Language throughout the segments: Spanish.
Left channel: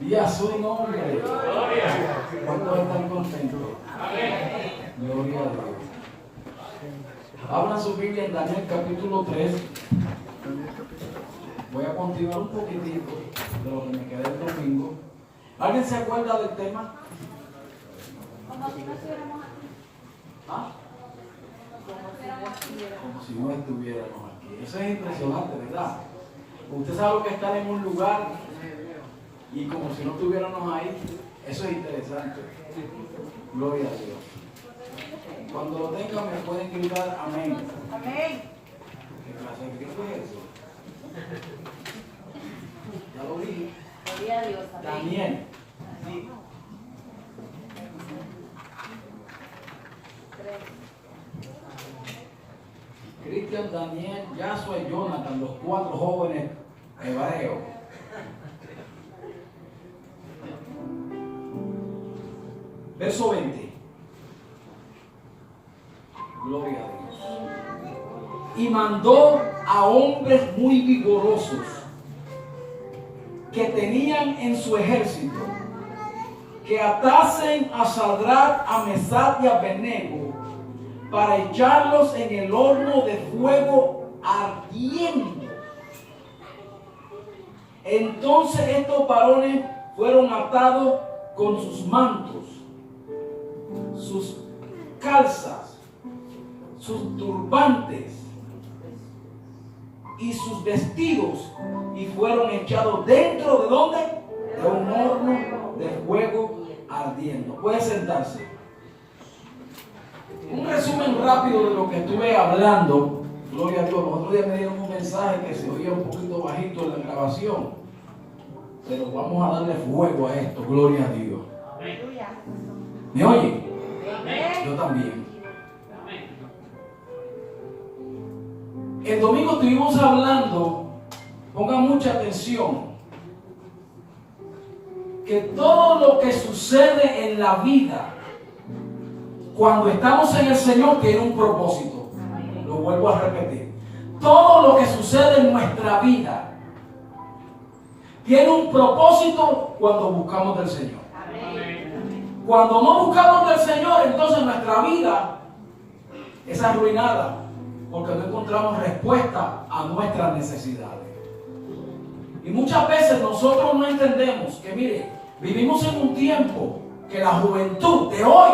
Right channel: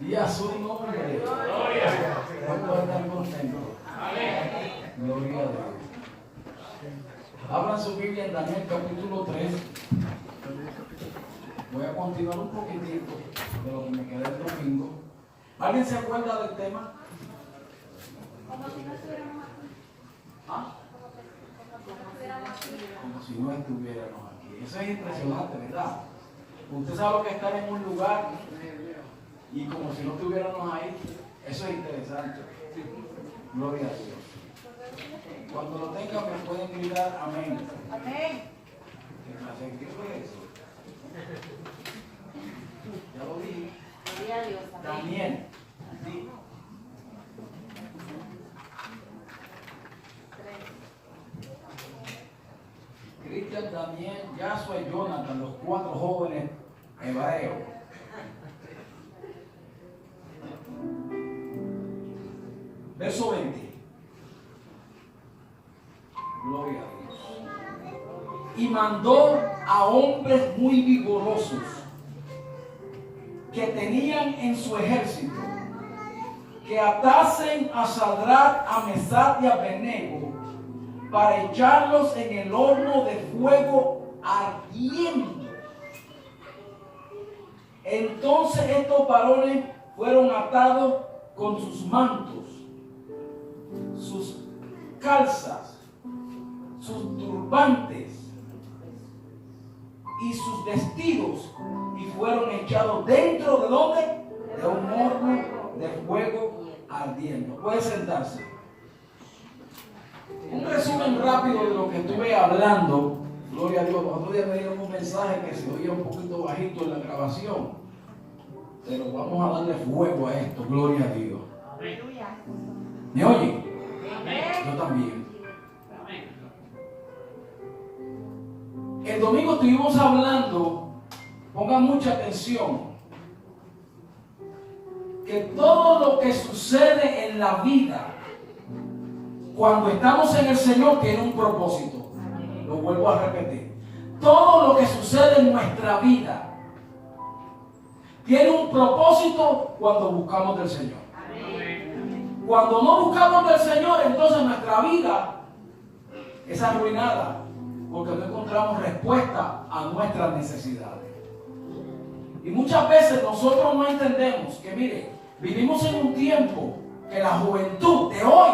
Y a su nombre. ¿Cuántos están contentos? Gloria a Dios. Abran su Biblia en Daniel capítulo 3. Voy a continuar un poquitito de lo que me quedé el domingo. ¿Alguien se acuerda del tema? Como si no estuviéramos aquí. ¿Ah? Como si no estuviéramos aquí. Como si no estuviéramos aquí. Eso es impresionante, ¿verdad? Usted sabe lo que es estar en un lugar y como si no estuviéramos ahí. Eso es interesante. Gloria a Dios. Cuando lo tengan me pueden gritar amén. Amén. ¿Qué clase de grito es eso? Ya lo dije. Gloria a Dios. Amén. Daniel. Sí. Cristian, Daniel, Yasua y Jonathan, los 4 jóvenes hebreos. Verso 20. Gloria a Dios. Y mandó a hombres muy vigorosos que tenían en su ejército que atasen a Sadrach, a Mesach y a Abednego para echarlos en el horno de fuego ardiendo. Entonces estos varones fueron atados con sus mantos, sus calzas, sus turbantes y sus vestidos y fueron echados dentro de ¿dónde? De un horno de fuego ardiendo. Puede sentarse. Un resumen rápido de lo que estuve hablando. Gloria a Dios. Los otros días me dieron un mensaje que se oía un poquito bajito en la grabación, pero vamos a darle fuego a esto. Gloria a Dios. Aleluya. ¿Me oye? Amén. Yo también. El domingo estuvimos hablando, pongan mucha atención, que todo lo que sucede en la vida, cuando estamos en el Señor, tiene un propósito. Lo vuelvo a repetir. Todo lo que sucede en nuestra vida tiene un propósito cuando buscamos del Señor. Cuando no buscamos del Señor, entonces nuestra vida es arruinada, porque no encontramos respuesta a nuestras necesidades. Y muchas veces nosotros no entendemos que, mire, vivimos en un tiempo que la juventud de hoy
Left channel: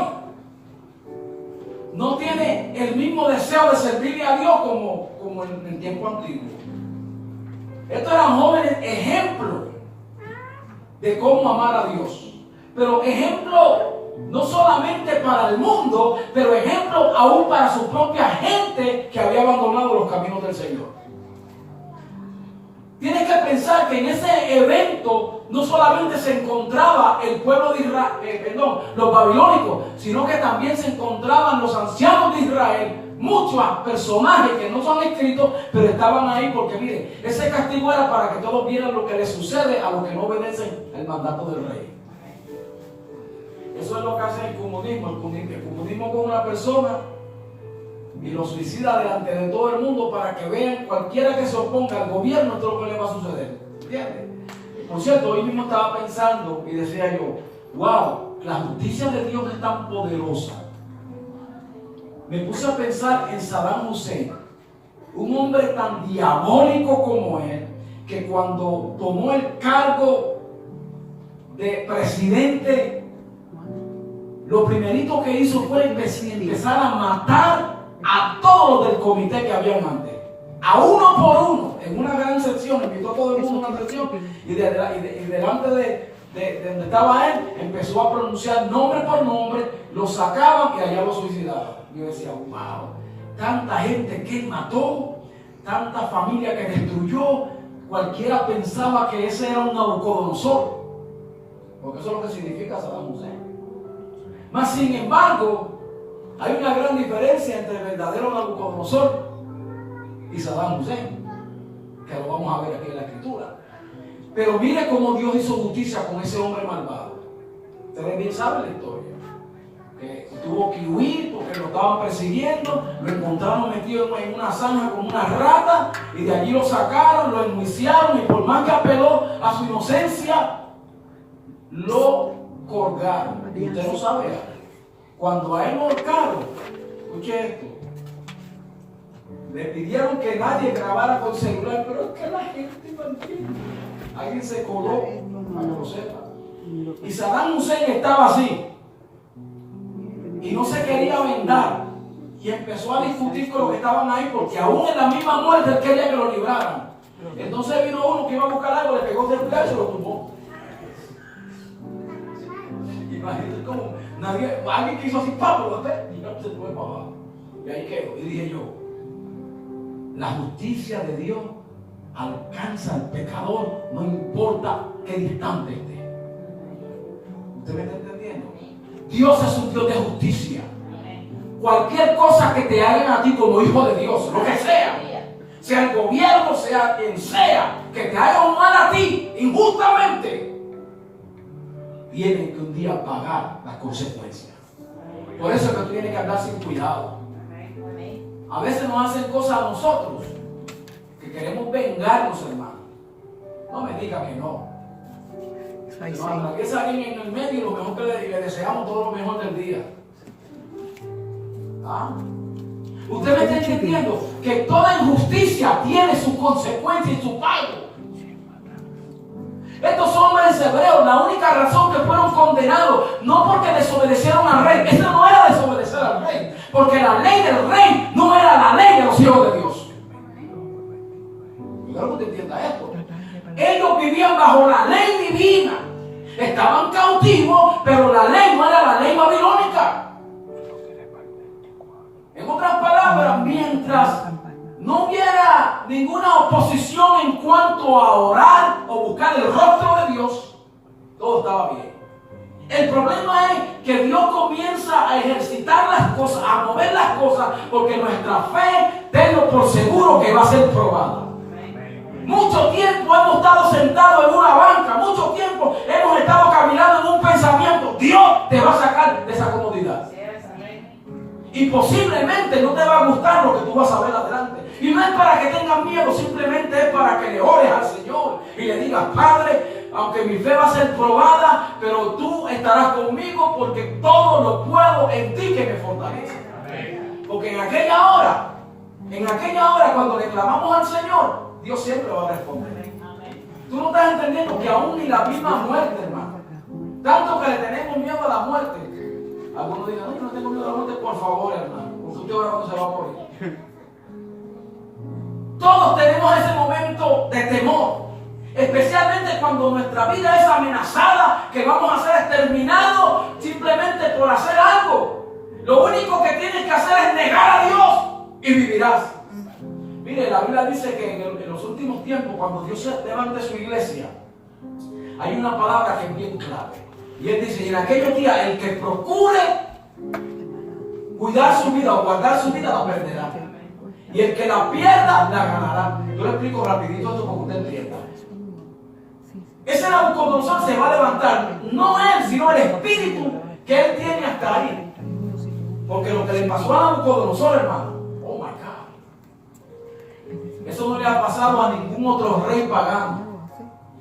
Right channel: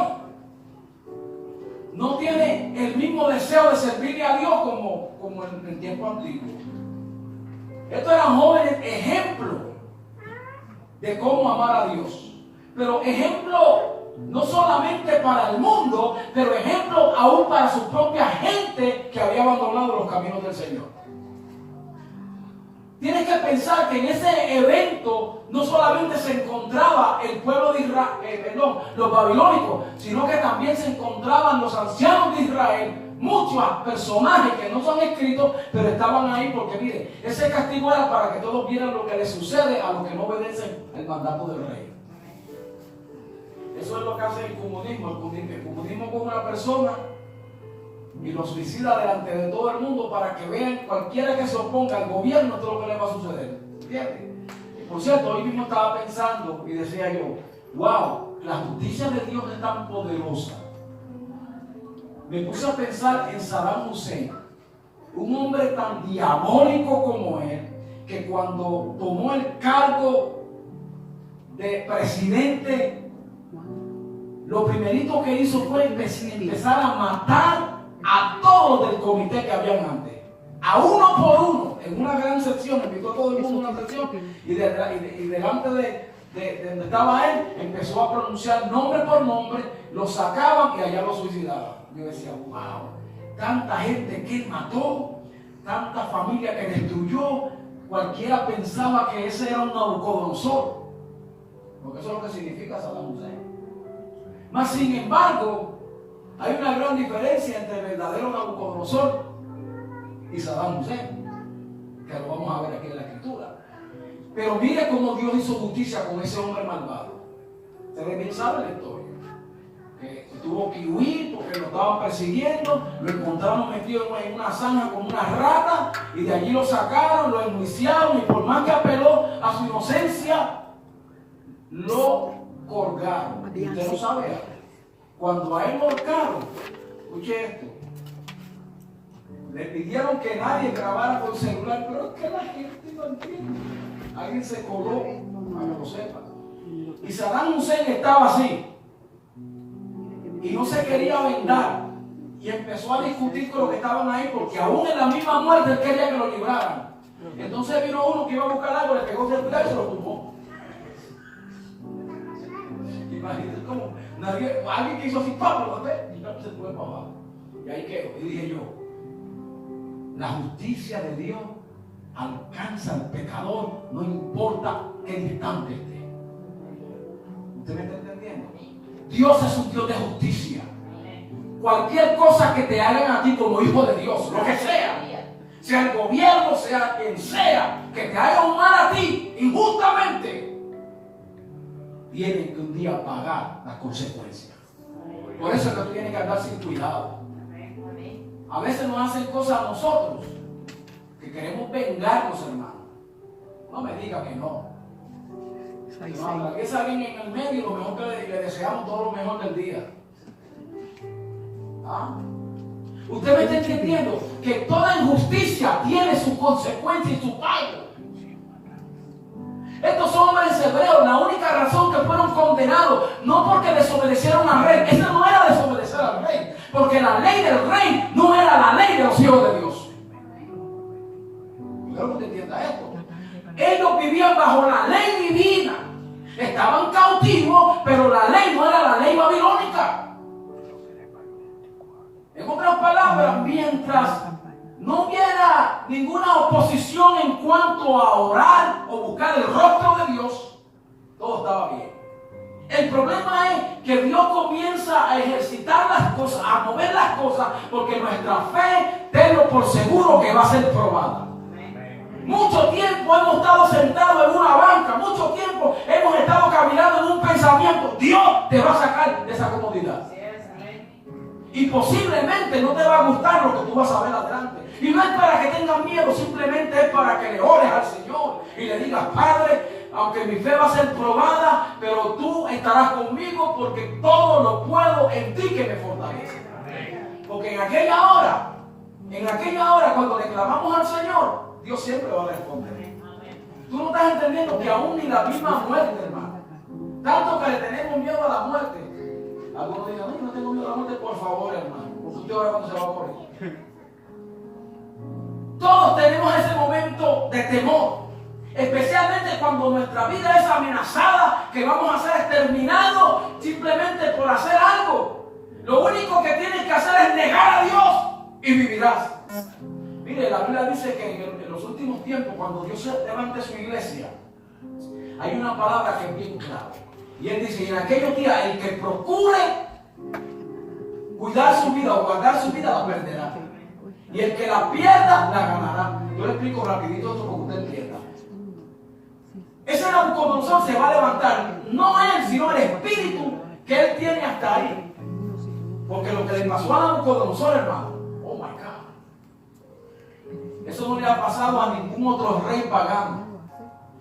no tiene el mismo deseo de servirle a Dios como en el tiempo antiguo. Estos eran jóvenes ejemplos de cómo amar a Dios. Pero ejemplo no solamente para el mundo, pero ejemplo aún para su propia gente que había abandonado los caminos del Señor. Tienes que pensar que en ese evento no solamente se encontraba el pueblo de Israel, los babilónicos, sino que también se encontraban los ancianos de Israel, muchos personajes que no son escritos, pero estaban ahí porque, mire, ese castigo era para que todos vieran lo que les sucede a los que no obedecen el mandato del rey. Eso es lo que hace el comunismo. El comunismo con una persona y lo suicida delante de todo el mundo para que vean cualquiera que se oponga al gobierno todo lo que le va a suceder. ¿Entiendes? Por cierto, hoy mismo estaba pensando y decía yo, wow, la justicia de Dios es tan poderosa. Me puse a pensar en Saddam Hussein, un hombre tan diabólico como él, que cuando tomó el cargo de presidente, lo primerito que hizo fue empezar a matar a todos del comité que habían antes, a uno por uno, en una gran sección, invitó a todo el mundo a una sección, y delante de donde estaba él, empezó a pronunciar nombre por nombre, lo sacaban y allá lo suicidaban. Yo decía, wow, tanta gente que él mató, tanta familia que destruyó, cualquiera pensaba que ese era un Nabucodonosor, porque eso es lo que significa Saddam Hussein. Mas sin embargo, hay una gran diferencia entre el verdadero Nabucodonosor y Saddam Hussein, que lo vamos a ver aquí en la escritura. Pero mire cómo Dios hizo justicia con ese hombre malvado. Ustedes bien saben la historia. Que tuvo que huir porque lo estaban persiguiendo, lo encontraron metido en una zanja con una rata y de allí lo sacaron, lo enjuiciaron y por más que apeló a su inocencia, lo colgaron. Y usted no sabe, cuando a él lo colgaron, escuche esto, le pidieron que nadie grabara con celular, pero es que la gente no entiende. Alguien se coló, para que lo sepa. Y Saddam Hussein estaba así. Y no se quería vengar. Y empezó a discutir con los que estaban ahí, porque aún en la misma muerte él quería que lo libraran. Entonces vino uno que iba a buscar algo, le pegó del y se lo tumbó. Imagínate cómo alguien que hizo así, Pablo, y no se tuve para abajo. Y ahí quedó. Y dije yo, la justicia de Dios alcanza al pecador, no importa qué distante esté. ¿Usted me está entendiendo? Dios es un Dios de justicia. Cualquier cosa que te hagan a ti como hijo de Dios, lo que sea el gobierno, sea quien sea, que te haga un mal a ti injustamente, tienen que un día pagar las consecuencias. Por eso es que tú tienes que andar sin cuidado. A veces nos hacen cosas a nosotros que queremos vengarnos, hermano. No me diga que no. No, que es alguien en el medio, lo mejor que le deseamos todo lo mejor del día. ¿Ah? Usted me está entendiendo que toda injusticia tiene su consecuencia y su pago. Estos hombres hebreos, la única razón que fueron condenados, no porque desobedecieron al rey, esa no era desobedecer al rey, porque la ley del rey no era la ley de los hijos de Dios. Yo quiero que usted entienda esto. Ellos vivían bajo la ley divina. Estaban cautivos, pero la ley no era la ley babilónica. En otras palabras, mientras no hubiera ninguna oposición en cuanto a orar o buscar el rostro de Dios, todo estaba bien. El problema es que Dios comienza a ejercitar las cosas, a mover las cosas, porque nuestra fe, tenlo por seguro que va a ser probada. Mucho tiempo hemos estado sentados en una banca, mucho tiempo hemos estado caminando en un pensamiento. Dios te va a sacar de esa comodidad. Y posiblemente no te va a gustar lo que tú vas a ver adelante. Y no es para que tengas miedo, simplemente es para que le ores al Señor y le digas: Padre, aunque mi fe va a ser probada, pero tú estarás conmigo porque todo lo puedo en ti que me fortalece. Porque en aquella hora cuando le clamamos al Señor, Dios siempre va a responder. Tú no estás entendiendo que aún ni la misma muerte, hermano, tanto que le tenemos miedo a la muerte. Algunos digan: no, yo no tengo miedo a la muerte. Por favor, hermano, porque usted ahora cuando se va a morir. Todos tenemos ese momento de temor, especialmente cuando nuestra vida es amenazada, que vamos a ser exterminados simplemente por hacer algo. Lo único que tienes que hacer es negar a Dios y vivirás. Mire, la Biblia dice que en los últimos tiempos, cuando Dios se levante su iglesia, hay una palabra que es bien clave. Y Él dice: y en aquellos días el que procure cuidar su vida o guardar su vida la perderá. Y el que la pierda la ganará. Yo le explico rapidito esto para que usted entienda. Ese Nabucodonosor se va a levantar, no él, sino el espíritu que él tiene hasta ahí. Porque lo que le pasó a Nabucodonosor, hermano, oh my God, eso no le ha pasado a ningún otro rey pagano.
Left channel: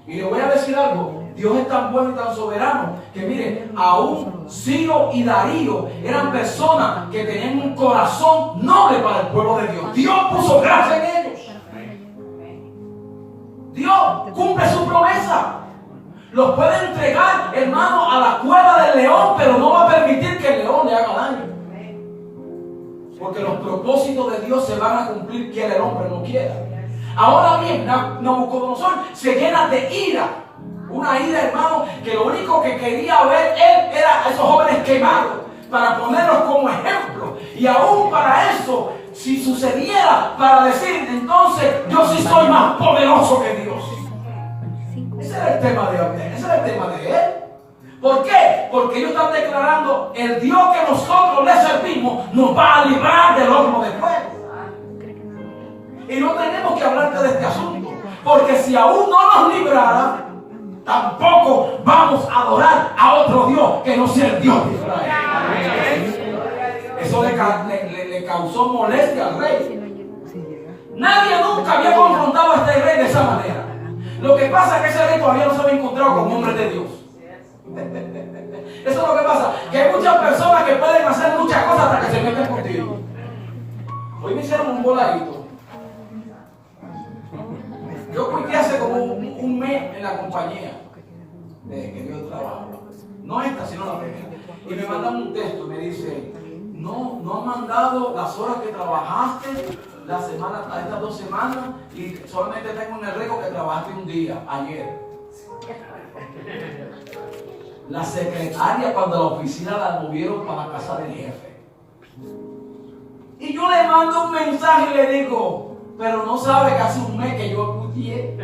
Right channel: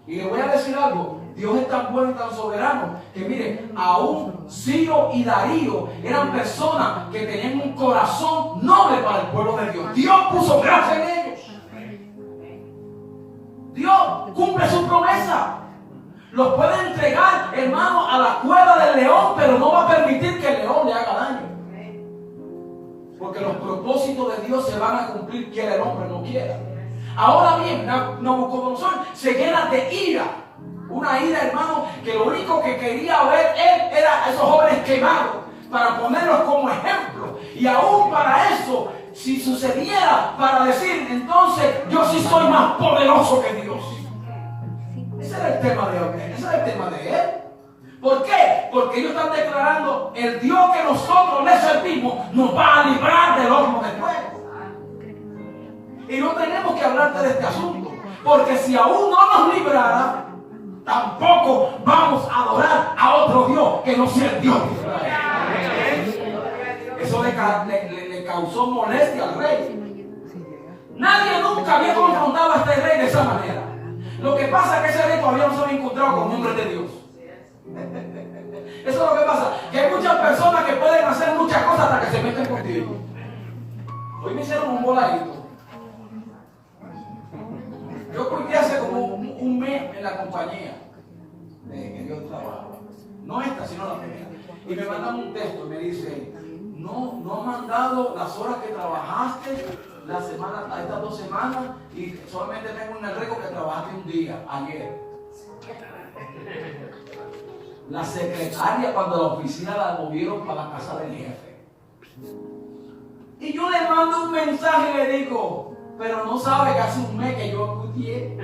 Y le voy a decir algo: Dios es tan bueno y tan soberano que, mire, aún Ciro y Darío eran personas que tenían un corazón noble para el pueblo de Dios. Dios puso gracia en ellos. Dios cumple su promesa. Los puede entregar, hermano, a la cueva del león, pero no va a permitir que el león le haga daño. Porque los propósitos de Dios se van a cumplir, quiera el hombre o no quiera. Ahora bien, Nabucodonosor se llena de ira. Una ira, hermano, que lo único que quería ver él era a esos jóvenes quemados, para ponerlos como ejemplo. Y aún para eso, si sucediera, para decir: entonces yo sí soy más poderoso que Dios. Ese era el tema de él. ¿Por qué? Porque ellos están declarando: el Dios que nosotros le servimos nos va a librar del horno de fuego. Y no tenemos que hablarte de este asunto, porque si aún no nos librara, tampoco vamos a adorar a otro Dios que no sea el Dios de Israel. Eso le causó molestia al rey. Nadie nunca había confrontado a este rey de esa manera. Lo que pasa es que ese rey todavía no se había encontrado con hombres de Dios. Eso es lo que pasa, que hay muchas personas que pueden hacer muchas cosas hasta que se meten contigo. Hoy me hicieron un voladito. Yo porque hace como un mes en la compañía que dio el trabajo. No esta, sino la primera. Y me mandan un texto, me dice, no han mandado las horas que trabajaste la semana, estas 2 semanas, y solamente tengo en el récord que trabajaste un día, ayer. La secretaria, cuando la oficina la movieron para la casa del jefe. Y yo le mando un mensaje y le digo, pero no sabe que hace un mes que yo estudié.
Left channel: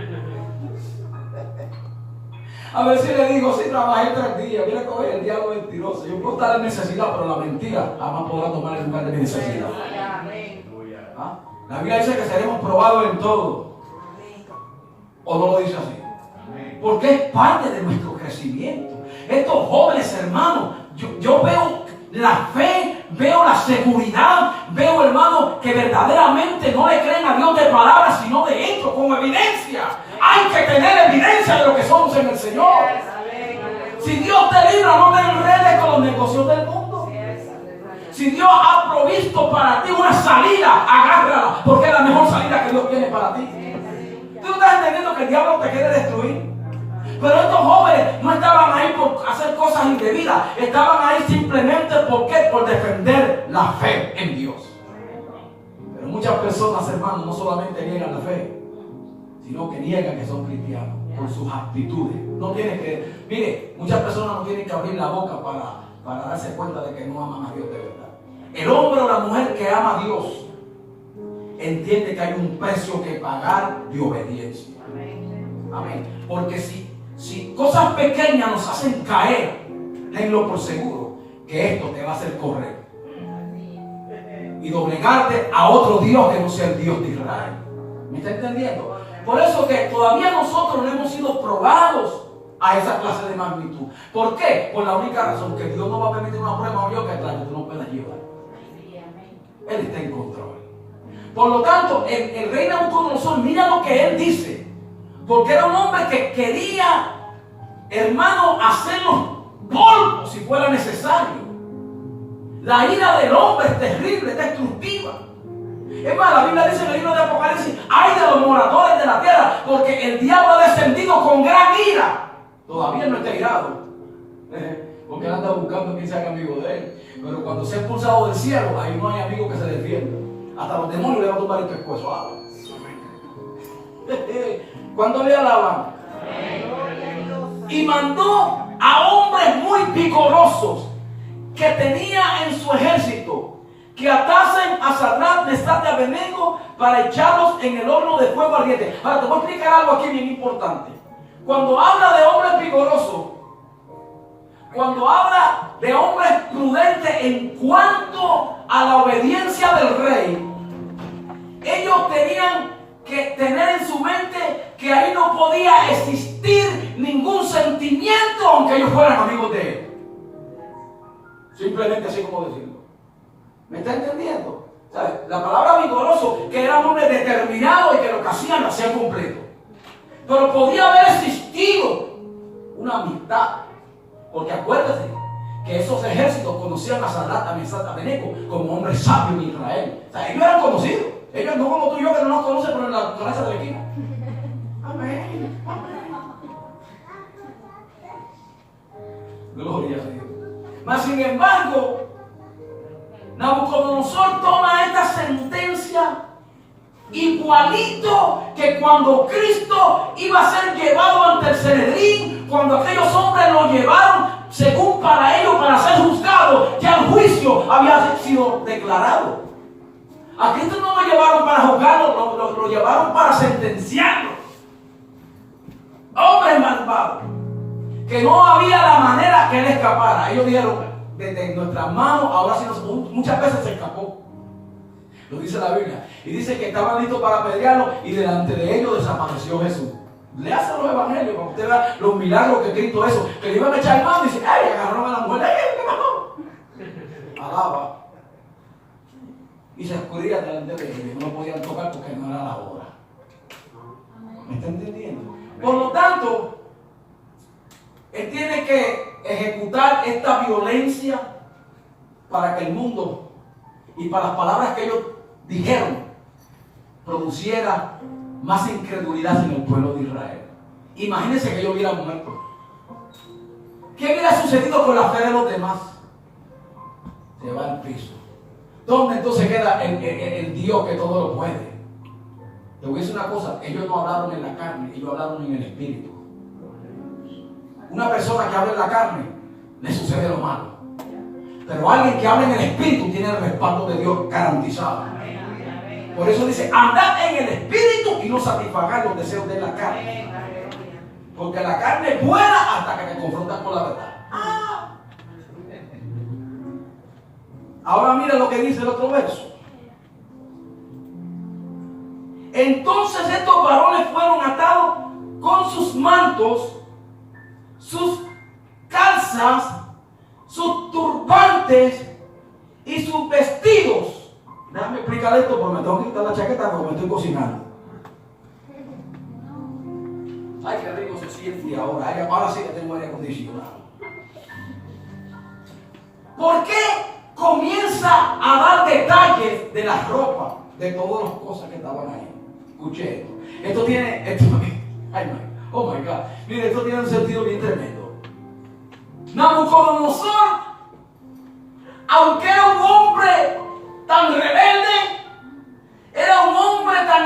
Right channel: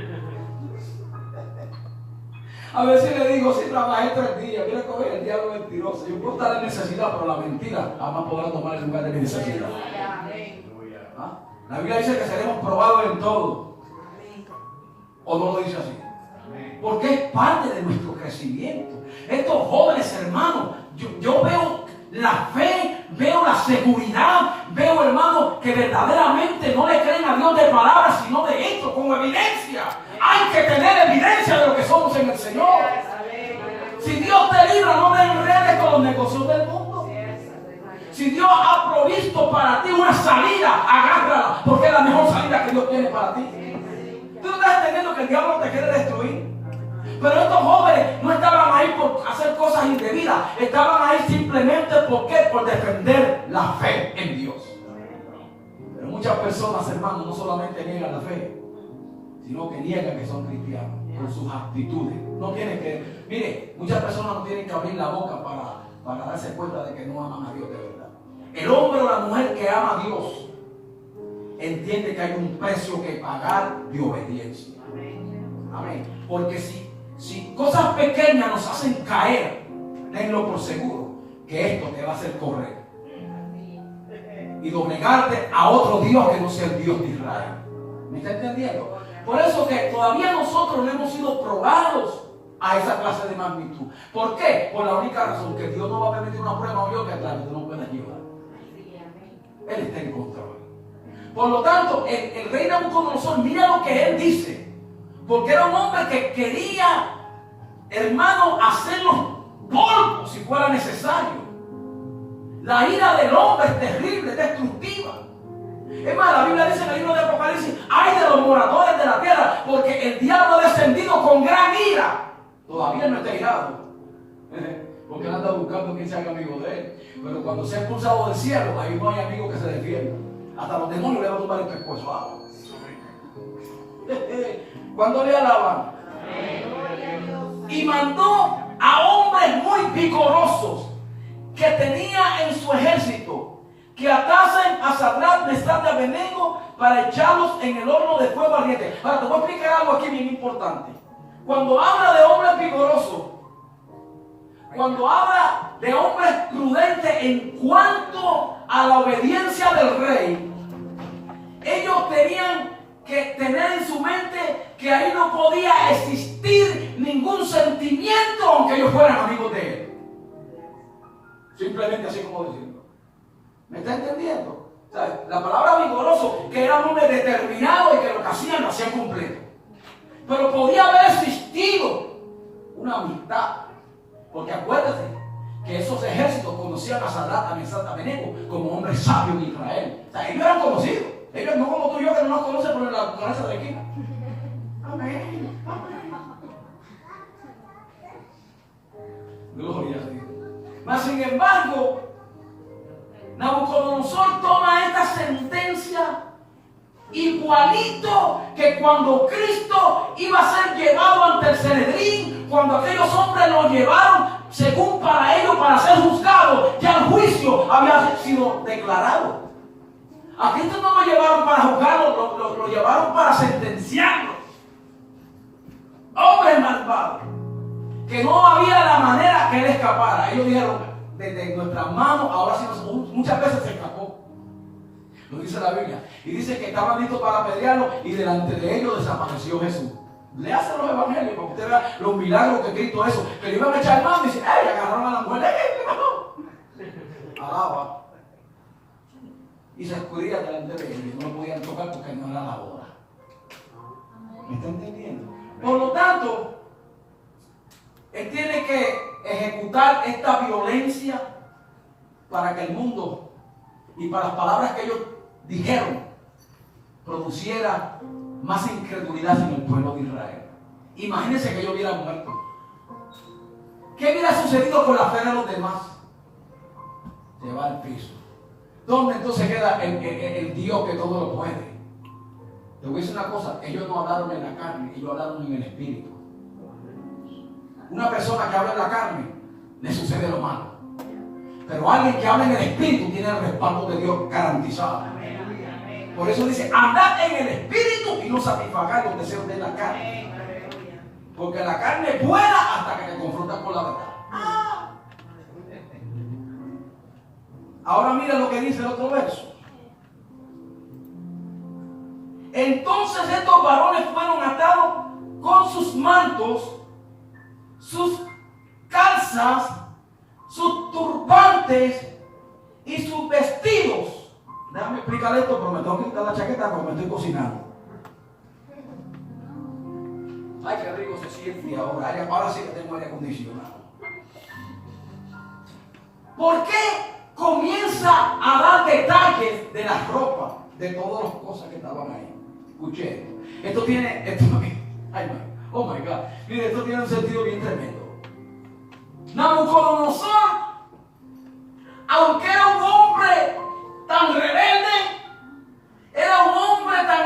A ver si le digo, si trabajé 3 días, mira cómo es el diablo mentiroso. Yo puedo estar en necesidad, pero la mentira jamás podrá tomar el lugar de mi necesidad. ¿Ah? La Biblia dice que seremos probados en todo. ¿O no lo dice así? Porque es parte de nuestro crecimiento. Estos jóvenes hermanos, yo veo la fe, veo la seguridad, veo hermanos que verdaderamente no le creen a Dios de palabras, sino de hechos, con evidencia. Hay que tener evidencia de lo que somos en el Señor. Si Dios te libra, no te enredes con los negocios del mundo. Si Dios ha provisto para ti una salida, agárrala, porque es la mejor salida que Dios tiene para ti. Tú no estás entendiendo que el diablo te quiere destruir. Pero estos jóvenes no estaban ahí por hacer cosas indebidas, estaban ahí simplemente por defender la fe en Dios. Pero muchas personas, hermanos, no solamente niegan la fe, sino que niegan que son cristianos por sus actitudes. No tienen que, mire, muchas personas no tienen que abrir la boca para darse cuenta de que no aman a Dios de verdad. El hombre o la mujer que ama a Dios entiende que hay un precio que pagar de obediencia. Amén. Porque si cosas pequeñas nos hacen caer, tenlo por seguro que esto te va a hacer correr y doblegarte a otro Dios que no sea el Dios de Israel. ¿Me está entendiendo? Por eso que todavía nosotros no hemos sido probados a esa clase de magnitud. ¿Por qué? Por la única razón que Dios no va a permitir una prueba o yo que tú no puedas llevar. Él está en control. Por lo tanto, el rey Nabucodonosor, mira lo que él dice. Porque era un hombre que quería, hermano, hacernos polvo si fuera necesario. La ira del hombre es terrible, es destructiva. Es más, la Biblia dice en el libro de Apocalipsis, ay de los moradores de la tierra, porque el diablo ha descendido con gran ira. Todavía no está irado, porque él anda buscando quien se haga amigo de él. Pero cuando sea expulsado del cielo, ahí no hay amigo que se defienda. Hasta los demonios le van a tomar el pescuezo. ¿Cuándo le alaban? Y mandó a hombres muy vigorosos que tenía en su ejército que atasen a Sadrach, Mesach y Abednego para echarlos en el horno de fuego ardiente. Ahora te voy a explicar algo aquí bien importante. Cuando habla de hombres vigorosos, cuando habla de hombres prudentes en cuanto a la obediencia del rey, ellos tenían que tener en su mente que ahí no podía existir ningún sentimiento aunque ellos fueran amigos de él. Simplemente así como decirlo. ¿Me está entendiendo? ¿Sabe? La palabra vigoroso, que era un hombre determinado y que lo que hacían lo hacían completo. Pero podía haber existido una amistad. Porque acuérdate que esos ejércitos conocían a Sadrach, a Mesach, a Abednego como hombres sabios de Israel. O sea, ellos eran conocidos. Ellos no como tú y yo que no nos conocen por la cabeza de la esquina. Amén. Gloria a Dios. Mas sin embargo, Nabucodonosor toma esta sentencia igualito que cuando Cristo iba a ser llevado ante el Sanedrín, cuando aquellos hombres lo llevaron, según para ellos, para ser juzgados, ya el juicio había sido declarado. A Cristo no lo llevaron para juzgarlo, lo llevaron para sentenciarlo. Hombres malvados, que no había la manera que él escapara. Ellos dijeron, desde nuestras manos, ahora sí, muchas veces se escapó. Lo dice la Biblia. Y dice que estaban listos para apedrearlo y delante de ellos desapareció Jesús. Léase los evangelios para que usted vea los milagros que Cristo hizo. Que le iban a echar mano y dice, ¡ay! Agarraron a la mujer. ¡Ay, qué pasó! Alaba. y se escurrían delante de ellos. No lo podían tocar porque no era la hora. ¿Me está entendiendo? Por lo tanto, él tiene que ejecutar esta violencia para que el mundo y para las palabras que ellos dijeron produciera más incredulidad en el pueblo de Israel. Imagínense que ellos hubieran muerto. ¿Qué hubiera sucedido con la fe de los demás? Se va al piso. ¿Dónde entonces queda el Dios que todo lo puede? Te voy a decir una cosa, ellos no hablaron en la carne, ellos hablaron en el espíritu. Una persona que habla en la carne, le sucede lo malo. Pero alguien que habla en el espíritu tiene el respaldo de Dios garantizado. Por eso dice, andad en el espíritu y no satisfagáis los deseos de la carne. Porque la carne es buena hasta que te confrontas con la verdad. Ahora mira lo que dice el otro verso. Entonces estos varones fueron atados con sus mantos, sus calzas, sus turbantes y sus vestidos. Déjame explicar esto, pero me tengo que quitar la chaqueta porque me estoy cocinando. Ay, qué rico se siente ahora. Ahora sí que tengo aire acondicionado. ¿Por qué comienza a dar detalles de las ropas, de todas las cosas que estaban ahí? Escuché esto. Esto tiene, ay, no, oh my God. Mire, esto tiene un sentido bien tremendo. Nabucodonosor, aunque era un hombre tan rebelde, era un hombre tan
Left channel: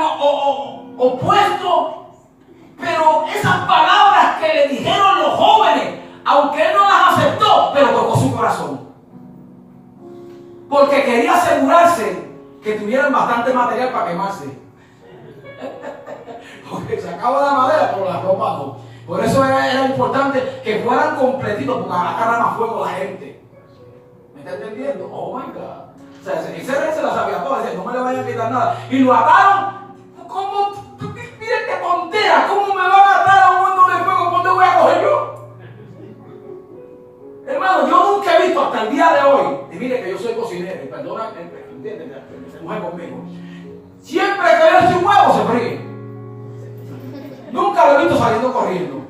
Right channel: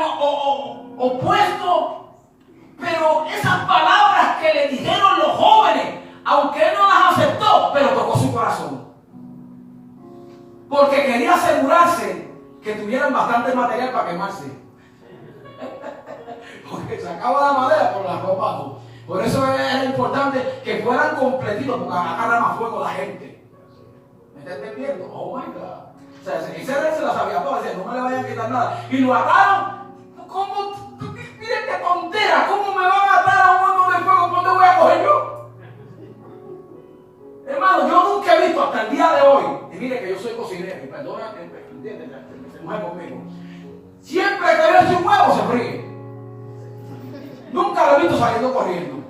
opuesto, pero esas palabras que le dijeron los jóvenes, aunque él no las aceptó, pero tocó su corazón. Porque quería asegurarse que tuvieran bastante material para quemarse. Porque sacaba la madera, pero la ropa no. Por eso era importante que fueran completitos, porque agarra más fuego la gente. ¿Me está entendiendo? Oh my God. O sea, ese rey se la sabía toda, dice, no me le vayan a quitar nada. Y lo ataron. ¿Cómo? Miren qué tontera. ¿Cómo me van a atar a un horno de fuego? ¿Cuándo voy a coger yo? Hermano, yo nunca he visto hasta el día de hoy. Y mire que yo soy cocinero. Y perdona, ¿entiendes? Se mueve conmigo. Siempre que veo un huevo se fríe. Nunca lo he visto saliendo corriendo.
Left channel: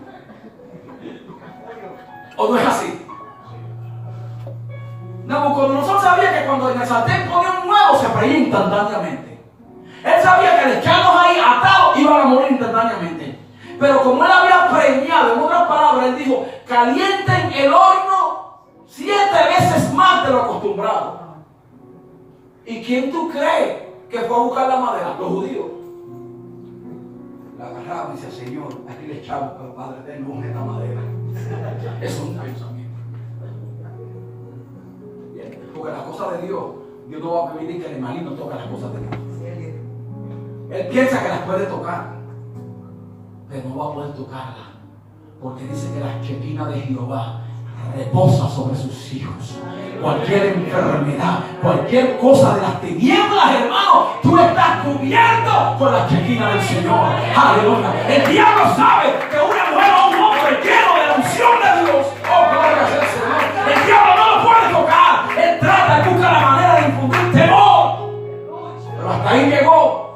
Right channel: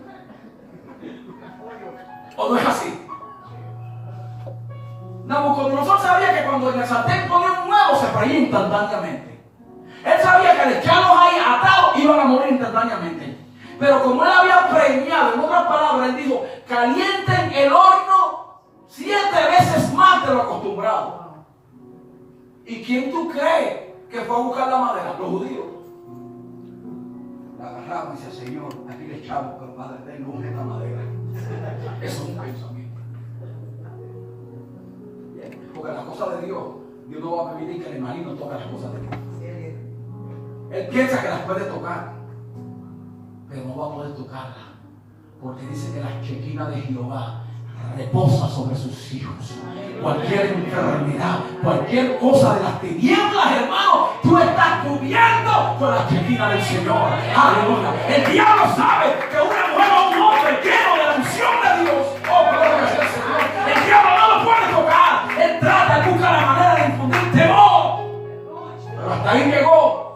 ¿O no es así? Nabucodonosor sabía que cuando en el sartén ponía un huevo se freía instantáneamente. Él sabía que al echarlos ahí atados iban a morir instantáneamente. Pero como él había preñado, en otras palabras, él dijo, calienten el horno 7 veces más de lo acostumbrado. ¿Y quién tú crees que fue a buscar la madera? Los judíos. La agarraban y decía, Señor, aquí le echamos, pero Padre, ten luz en la madera. Eso es un pensamiento. Bien, porque las cosas de Dios, Dios no va a permitir que el maligno toque las cosas de Dios. Él piensa que las puede tocar, pero no va a poder tocarlas, porque dice que la chequina de Jehová reposa sobre sus hijos. Cualquier enfermedad, cualquier cosa de las tinieblas, hermano, tú estás cubierto con la chequina del Señor. Aleluya. El diablo sabe que una mujer o un hombre lleno de la unción de Dios, oh gloria al Señor, el diablo no lo puede tocar. Él trata, él busca la manera de infundir temor, pero hasta ahí llegó.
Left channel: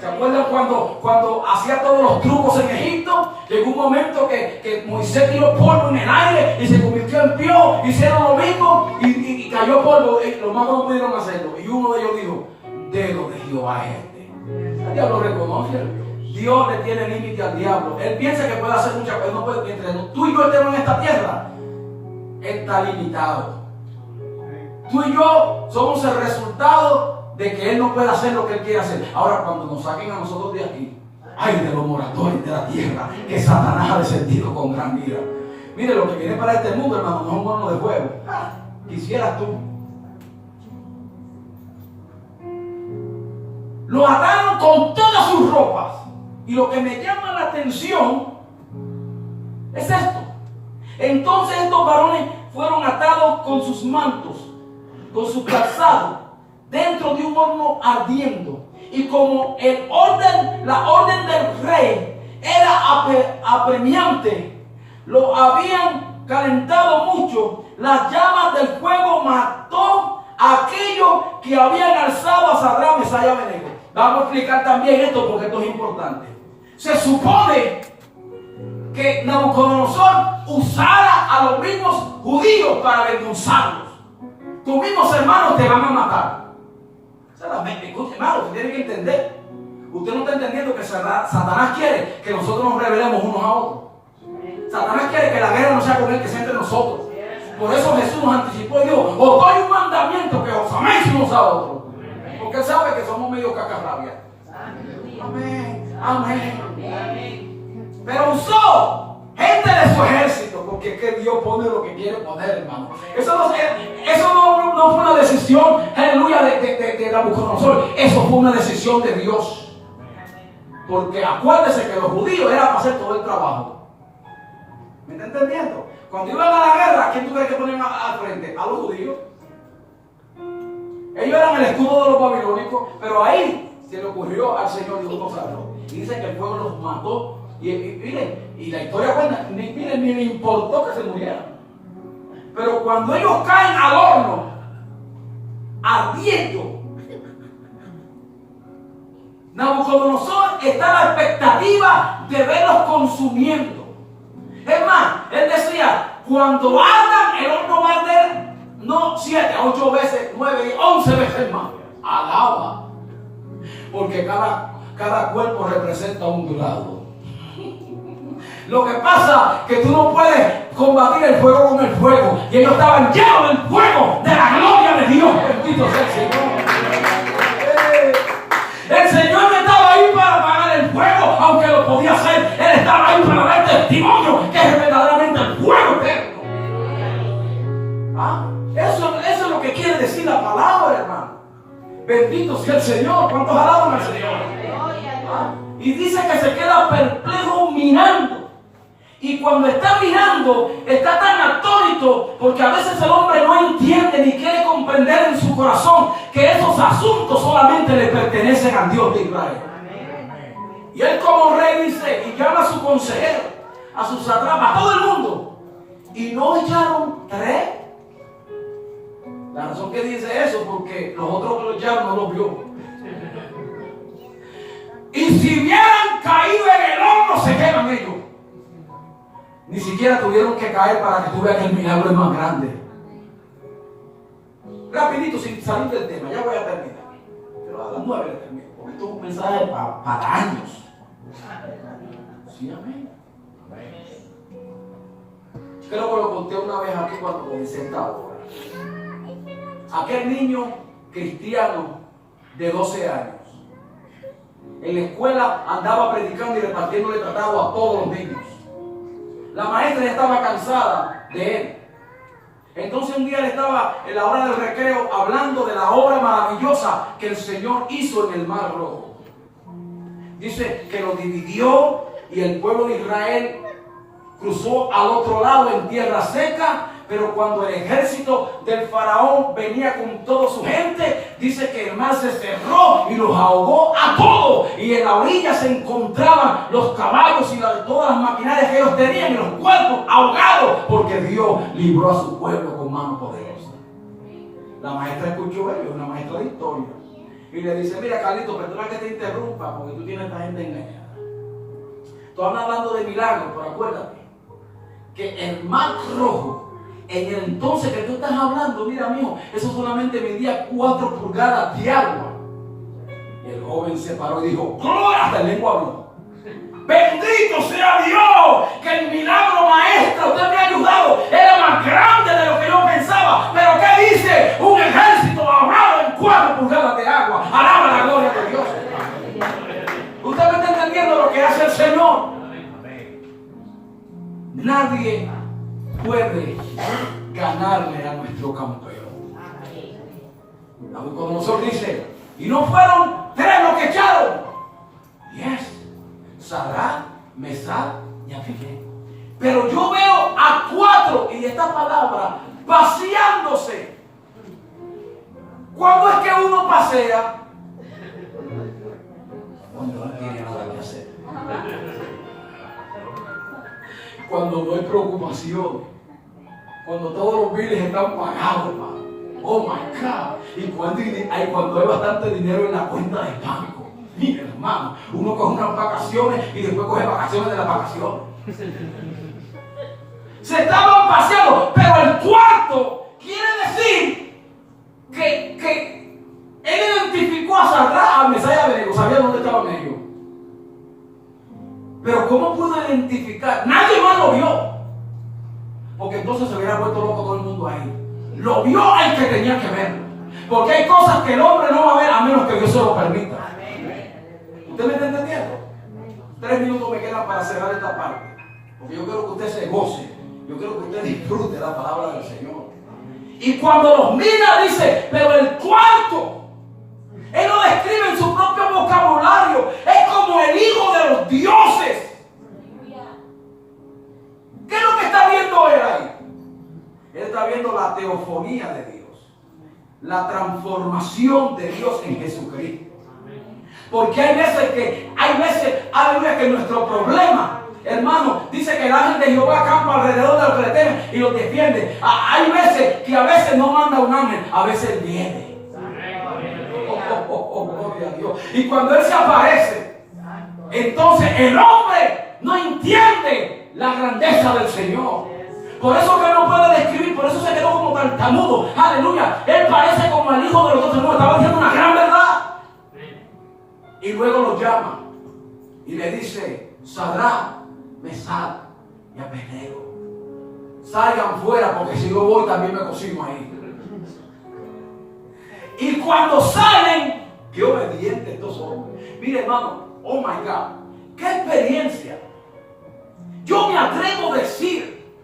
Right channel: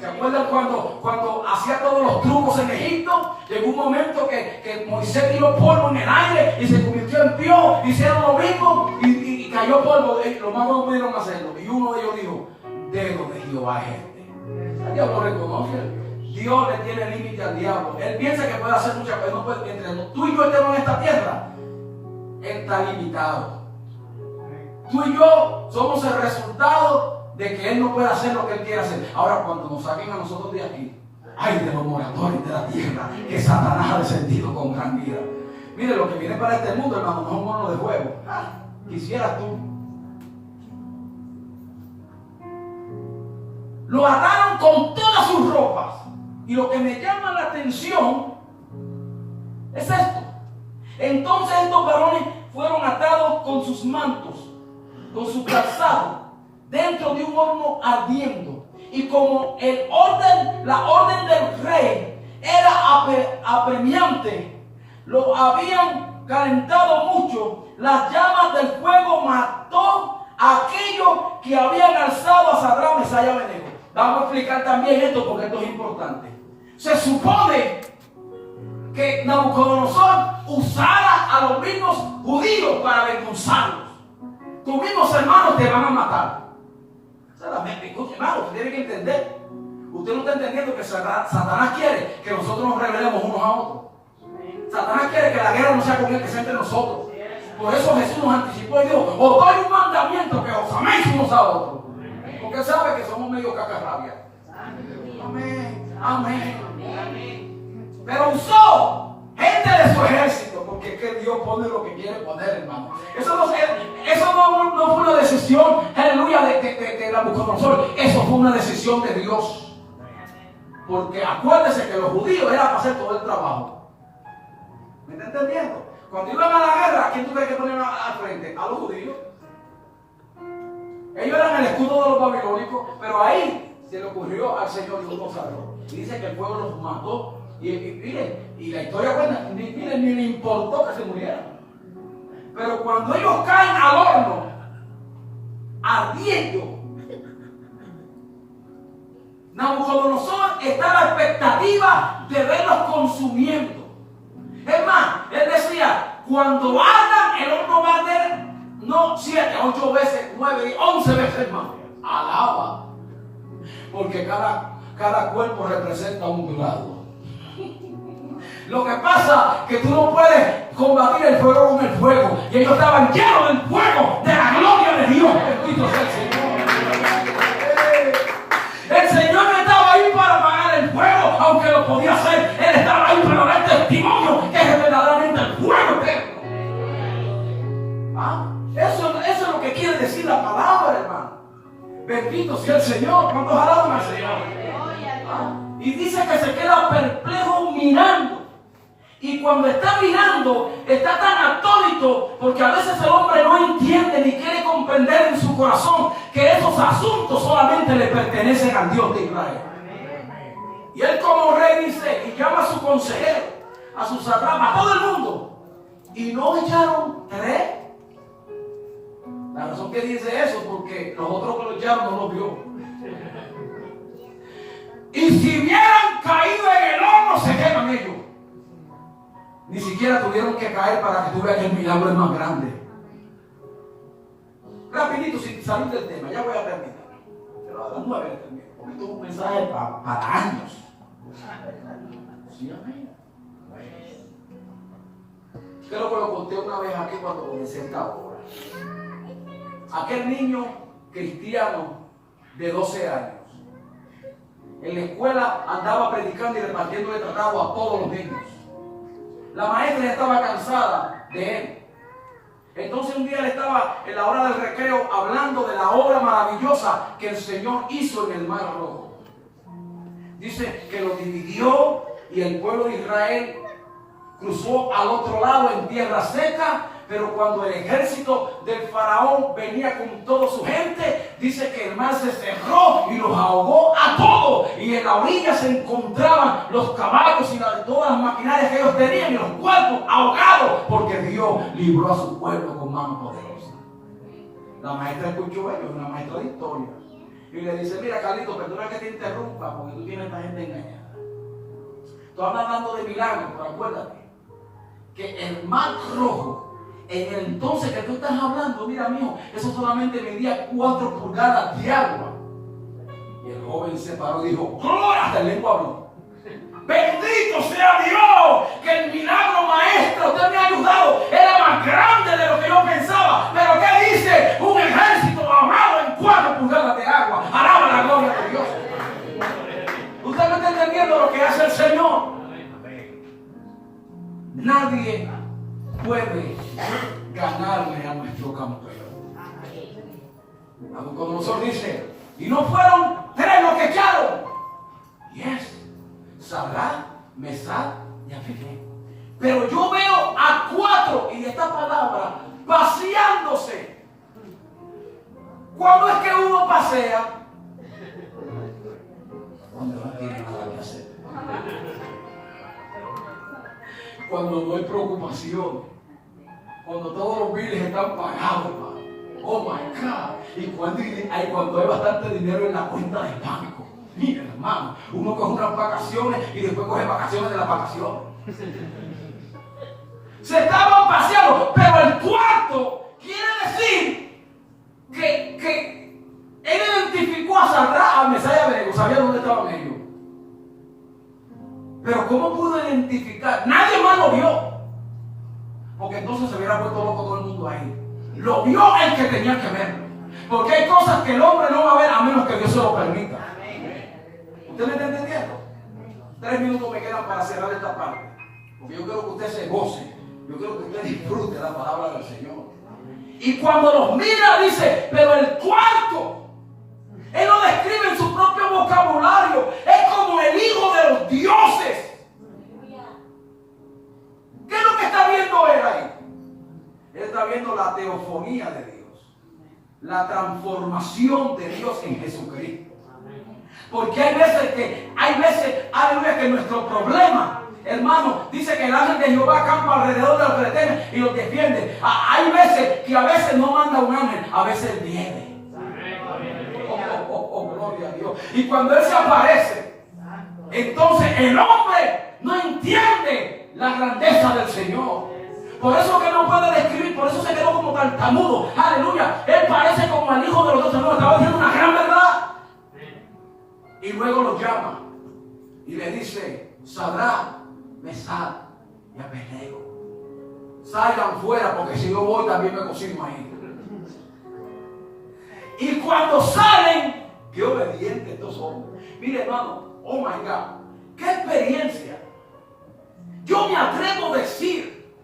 ¿Se acuerdan cuando hacía todos los trucos en Egipto? Llegó un momento que Moisés tiró polvo en el aire y se convirtió en piojo. Hicieron lo mismo y cayó polvo. Los magos no pudieron hacerlo. Y uno de ellos dijo, dedo de Jehová es este. El diablo lo reconoce. Dios le tiene límite al diablo. Él piensa que puede hacer muchas cosas. No puede, entre tú y yo estemos en esta tierra, Él está limitado. Tú y yo somos el resultado de que Él no puede hacer lo que Él quiere hacer. Ahora, cuando nos saquen a nosotros de aquí, ay de los moradores de la tierra, que Satanás ha descendido con gran ira. Mire, lo que viene para este mundo, hermano, no es un horno de fuego. Quisieras tú. Lo ataron con todas sus ropas. Y lo que me llama la atención es esto. Entonces estos varones fueron atados con sus mantos, con su calzado, dentro de un horno ardiendo. Y como la orden del rey era apremiante, lo habían calentado mucho, las llamas del fuego mató aquellos que habían alzado a Sadrach, Mesach y Abednego. Vamos a explicar también esto porque esto es importante. Se supone que Nabucodonosor usara a los mismos judíos para endulzarlos. Tus mismos hermanos te van a matar. Escuche, hermano, usted tiene que entender. Usted no está entendiendo que Satanás quiere que nosotros nos rebelemos unos a otros. Satanás quiere que la guerra no sea con él, que sea entre nosotros. Por eso Jesús nos anticipó y dijo: os doy un mandamiento, que os améis unos a otros. Porque él sabe que somos medio cacarrabias. Amén, amén. Pero usó gente de su ejército, porque es que Dios pone lo que quiere poner, hermano. Eso no fue una decisión, aleluya, de Nabucodonosor. Eso fue una decisión de Dios. Porque acuérdese que los judíos eran para hacer todo el trabajo. ¿Me está entendiendo? Cuando iban a la guerra, ¿quién tú crees que ponían al frente? A los judíos. Ellos eran el escudo de los babilónicos, pero ahí se le ocurrió al Señor y los salvó. Y dice que el pueblo los mató. Y miren, y la historia cuenta, ni le importó que se murieran. Pero cuando ellos caen al horno, ardiendo, Nabucodonosor está a la expectativa de verlos consumiendo. Es más, él decía: cuando ardan, el horno va a arder no 7, 8 veces, 9, 11 veces más. Alaba. Porque cada cuerpo representa un grado. Lo que pasa es que tú no puedes combatir el fuego con el fuego. Y ellos estaban llenos del fuego, de la gloria de Dios. Bendito sea el Señor. El Señor no estaba ahí para apagar el fuego, aunque lo podía hacer. Él estaba ahí para dar testimonio que es verdaderamente el fuego eterno. ¿Ah? Eso es lo que quiere decir la palabra, hermano. Bendito sea el Señor. ¿Cuántos alaban al Señor? ¿Ah? Y dice que se queda perplejo mirando. Y cuando está mirando, está tan atónito, porque a veces el hombre no entiende ni quiere comprender en su corazón que esos asuntos solamente le pertenecen al Dios de Israel. Y él como rey dice, y llama a su consejero, a su satrapa, a todo el mundo. Y no echaron 3. La razón que dice eso, porque los otros que lo echaron no los vio. Y si hubieran caído en el horno, se queman ellos. Ni siquiera tuvieron que caer para que tú veas que el milagro es más grande. Rapidito, sin salir del tema, ya voy a terminar. Pero a las 9 termino, porque esto es un mensaje para años. Sí, amén. Creo que lo conté una vez aquí cuando comencé esta obra. Aquel niño cristiano de 12 años, en la escuela andaba predicando y repartiéndole tratado a todos los niños. La maestra ya estaba cansada de él. Entonces un día le estaba en la hora del recreo hablando de la obra maravillosa que el Señor hizo en el Mar Rojo. Dice que lo dividió y el pueblo de Israel cruzó al otro lado en tierra seca. Pero cuando el ejército del faraón venía con toda su gente, dice que el mar se cerró y los ahogó a todos. Y en la orilla se encontraban los caballos y todas las maquinarias que ellos tenían y los cuerpos ahogados, porque Dios libró a su pueblo con mano poderosa. La maestra escuchó ello, una maestra de historia, y le dice: mira, Carlito, perdona que te interrumpa, porque tú tienes a esta gente engañada. Tú hablas hablando de milagros, pero acuérdate que el Mar Rojo, en el entonces que tú estás hablando, mira, mijo, eso solamente medía 4 pulgadas de agua. Y el joven se paró y dijo: ¡gloria! Hasta el lengua habló. ¡Bendito sea Dios! Que el milagro, maestro, usted me ha ayudado. Era más grande de lo que yo pensaba. Pero ¿qué dice? Un ejército ahogado en 4 pulgadas de agua. Alaba la gloria de Dios. ¿Usted me está entendiendo lo que hace el Señor? Nadie puede ganarle a nuestro campeón. Nabucodonosor dice: y no fueron 3 los que echaron. Yes, Sadrach, Mesach y Abednego. Pero yo veo a 4, y esta palabra, paseándose. ¿Cuándo es que uno pasea? Cuando no tiene nada que hacer. Cuando no hay preocupación. Cuando todos los biles están pagados, hermano. Oh my God. Y cuando hay bastante dinero en la cuenta del banco. Mira, hermano, uno coge unas vacaciones y después coge vacaciones de las vacaciones. Se estaban paseando, pero el cuarto quiere decir que él identificó a Sadrach, a Mesach y a Abednego, sabía dónde estaban ellos. Pero ¿cómo pudo identificar? Nadie más lo vio. Porque entonces se hubiera vuelto loco todo el mundo ahí. Lo vio el que tenía que verlo. Porque hay cosas que el hombre no va a ver a menos que Dios se lo permita. ¿Usted me está entendiendo? 3 minutos me quedan para cerrar esta parte. Porque yo quiero que usted se goce. Yo quiero que usted disfrute la palabra del Señor. Y cuando los mira dice, pero el cuarto, él lo describe en su propio vocabulario, es como el hijo de los dioses. ¿Qué es lo que está viendo él ahí? Él está viendo la teofonía de Dios, la transformación de Dios en Jesucristo. Porque hay veces, aleluya, que nuestro problema, hermano, dice que el ángel de Jehová acampa alrededor de los que le temen y los defiende. Hay veces que a veces no manda un ángel, a veces viene. Gloria a Dios. Y cuando él se aparece, entonces el hombre no entiende la grandeza del Señor. Por eso que no puede describir, por eso se quedó como tartamudo. Aleluya. Él parece como el hijo de los otros. No, estaba diciendo una gran verdad. Y luego lo llama y le dice: Sadrach, Mesach y Abednego, salgan fuera, porque si yo voy también me cocino ahí. Y cuando salen, qué obedientes estos hombres. Mire, hermano, oh my God, qué experiencia. Yo me atrevo a decir,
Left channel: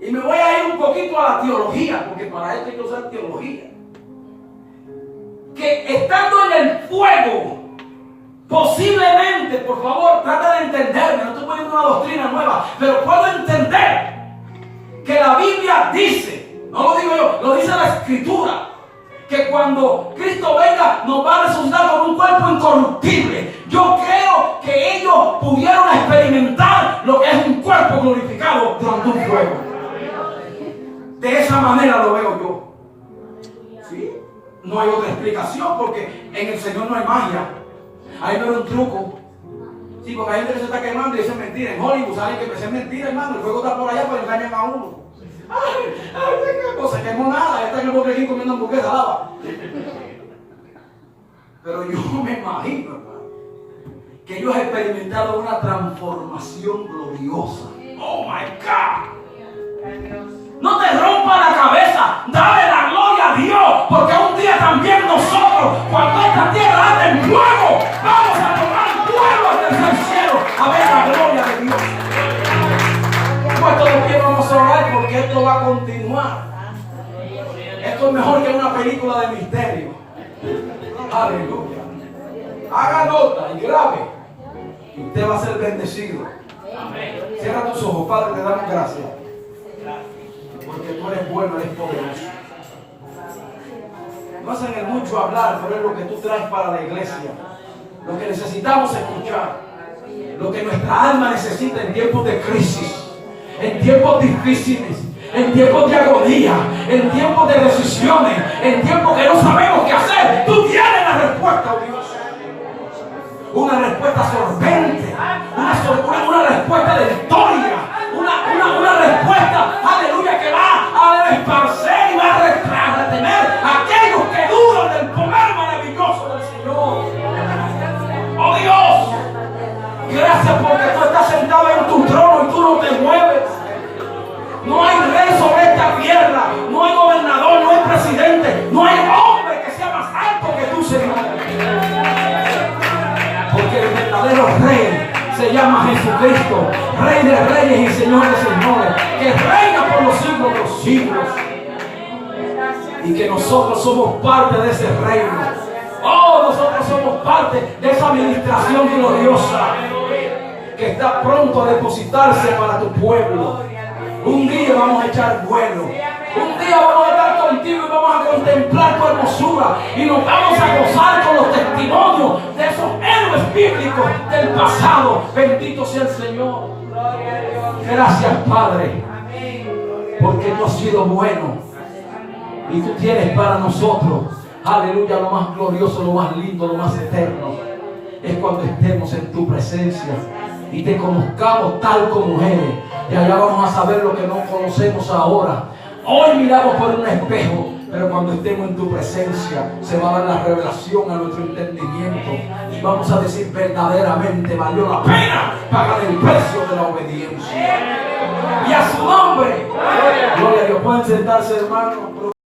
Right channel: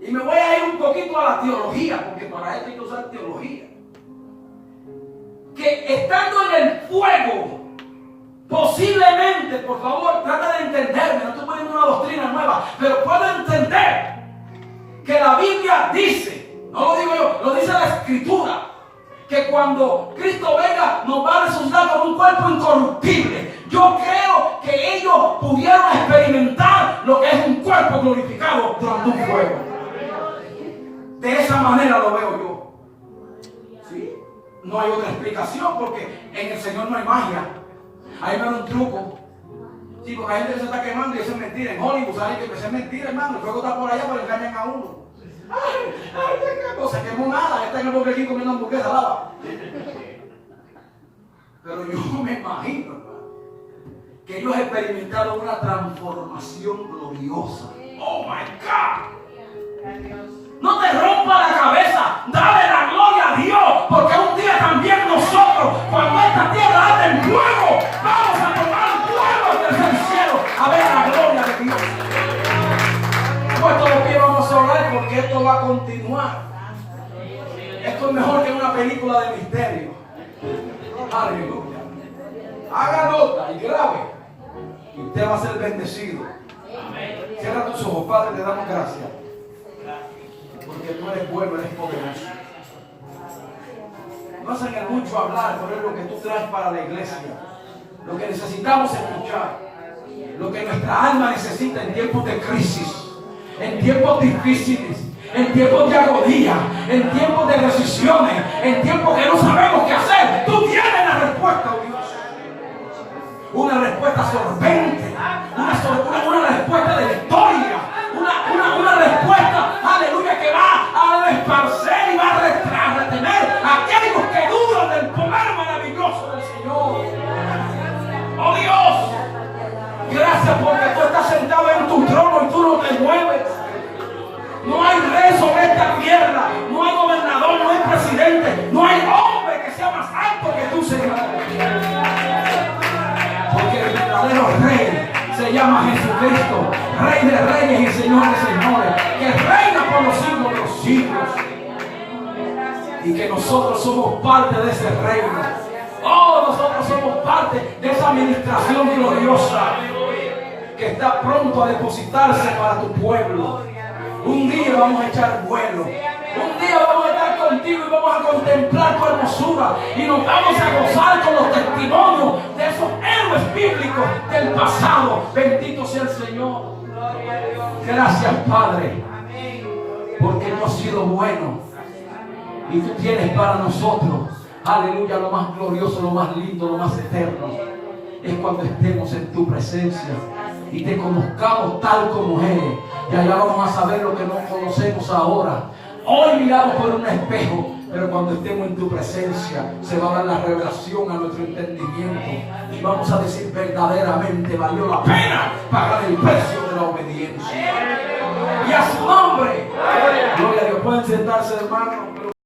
y me voy a ir un poquito a la teología, porque para esto hay que usar teología, que estando en el fuego, posiblemente, por favor, trata de entenderme, no estoy poniendo una doctrina nueva, pero puedo entender que la Biblia dice, no lo digo yo, lo dice la Escritura, que cuando Cristo venga nos va a resucitar con un cuerpo incorruptible. Yo creo que ellos pudieron experimentar lo que es un cuerpo glorificado durante un fuego. De esa manera lo veo yo. ¿Sí? No hay otra explicación, porque en el Señor no hay magia. Ahí no es un truco. Sí, porque hay gente que se está quemando y eso es mentira. En Hollywood saben que es mentira, hermano. El fuego está por allá, pues engañan a uno. No se quemó nada, está en el Burger King comiendo hamburguesa lava. Pero yo me imagino, hermano, que ellos experimentaron una transformación gloriosa. Oh my God. No te rompa la cabeza, dale la gloria a Dios, porque un día también nosotros, cuando esta tierra arde en fuego, vamos a tomar fuego desde el cielo a ver la gloria de Dios. Puesto de pie, vamos a orar, porque esto va a continuar. Esto es mejor que una película de misterio. Aleluya. Haga nota y grabe, y usted va a ser bendecido. Cierra tus ojos, Padre, le damos gracias, porque tú eres bueno, eres poderoso. No hacen el mucho hablar, pero es lo que tú traes para la iglesia. Lo que necesitamos escuchar. Lo que nuestra alma necesita en tiempos de crisis, en tiempos difíciles, en tiempos de agonía, en tiempos de decisiones, en tiempos que no sabemos qué hacer. Tú tienes la respuesta, oh Dios. Una respuesta sorbente, una respuesta de victoria, una respuesta, aleluya, que va a esparcer y va a retener a aquellos que dudan del poder maravilloso del Señor. Oh Dios, gracias porque tú estás sentado en tu trono y tú no te mueves. No hay rey sobre esta tierra, no hay gobernador, no hay presidente, no hay hombre que sea más alto que tú, Señor. Porque el verdadero rey se llama Jesucristo, Rey de reyes y Señor de señores, que reina por los siglos de los siglos. Y que nosotros somos parte de ese reino. Oh, nosotros somos parte de esa administración gloriosa que está pronto a depositarse para tu pueblo. Un día vamos a echar vuelo. Un día vamos a estar contigo y vamos a contemplar tu hermosura. Y nos vamos a gozar con los testimonios de esos héroes bíblicos del pasado. Bendito sea el Señor. Gracias, Padre, porque tú has sido bueno. Y tú tienes para nosotros, aleluya, lo más glorioso, lo más lindo, lo más eterno. Es cuando estemos en tu presencia y te conozcamos tal como eres. Y allá vamos a saber lo que no conocemos ahora. Hoy miramos por un espejo, pero cuando estemos en tu presencia se va a dar la revelación a nuestro entendimiento y vamos a decir verdaderamente valió la pena pagar el precio de la obediencia. Y a su nombre, gloria a Dios. Pueden sentarse, hermanos.